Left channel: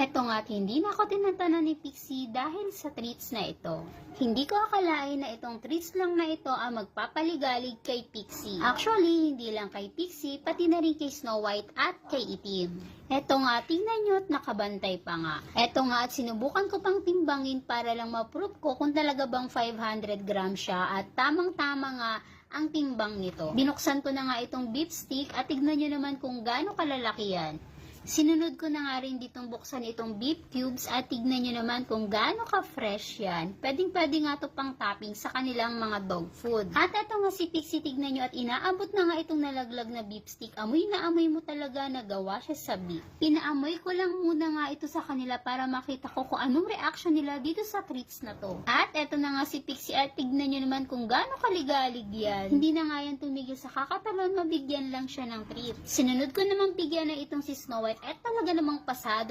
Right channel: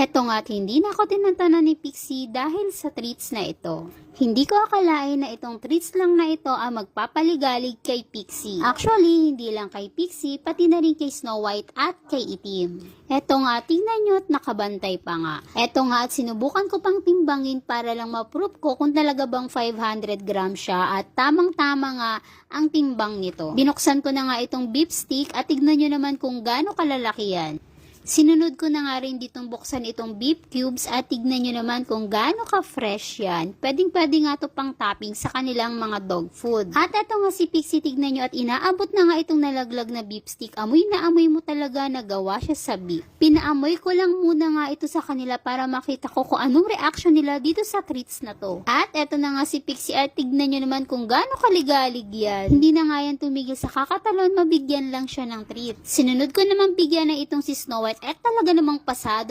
Eto nga't hindi na ako tinatanan ni Pixie dahil sa treats na ito. Hindi ko akalain na itong treats lang na ito ang magpapaligalig kay Pixie. Actually, hindi lang kay Pixie, pati na rin kay Snow White at kay Itim. Eto nga, tingnan nyo at nakabantay pa nga. Eto nga at sinubukan ko pang timbangin para lang ma-prove ko kung talaga bang 500 grams siya at tamang-tama nga ang timbang nito. Binuksan ko na nga itong beef stick at tignan nyo naman kung gaano kalalaki yan. Sinunod ko na nga rin ditong buksan itong beef cubes at tignan nyo naman kung gaano ka-fresh yan. Pwedeng-pwede nga ito pang topping sa kanilang mga dog food. At eto nga si Pixie, tignan nyo at inaabot na nga itong nalaglag na beef stick. Amoy na amoy mo talaga na gawa siya sa beef. Pinaamoy ko lang muna nga ito sa kanila para makita ko kung anong reaction nila dito sa treats na to. At eto na nga si Pixie at tignan nyo naman kung gaano kaligalig yan. Hindi na nga yan tumigil sa kakatalon, mabigyan lang siya ng treat. Sinunod ko naman bigyan na itong si Snow White at talaga namang pasado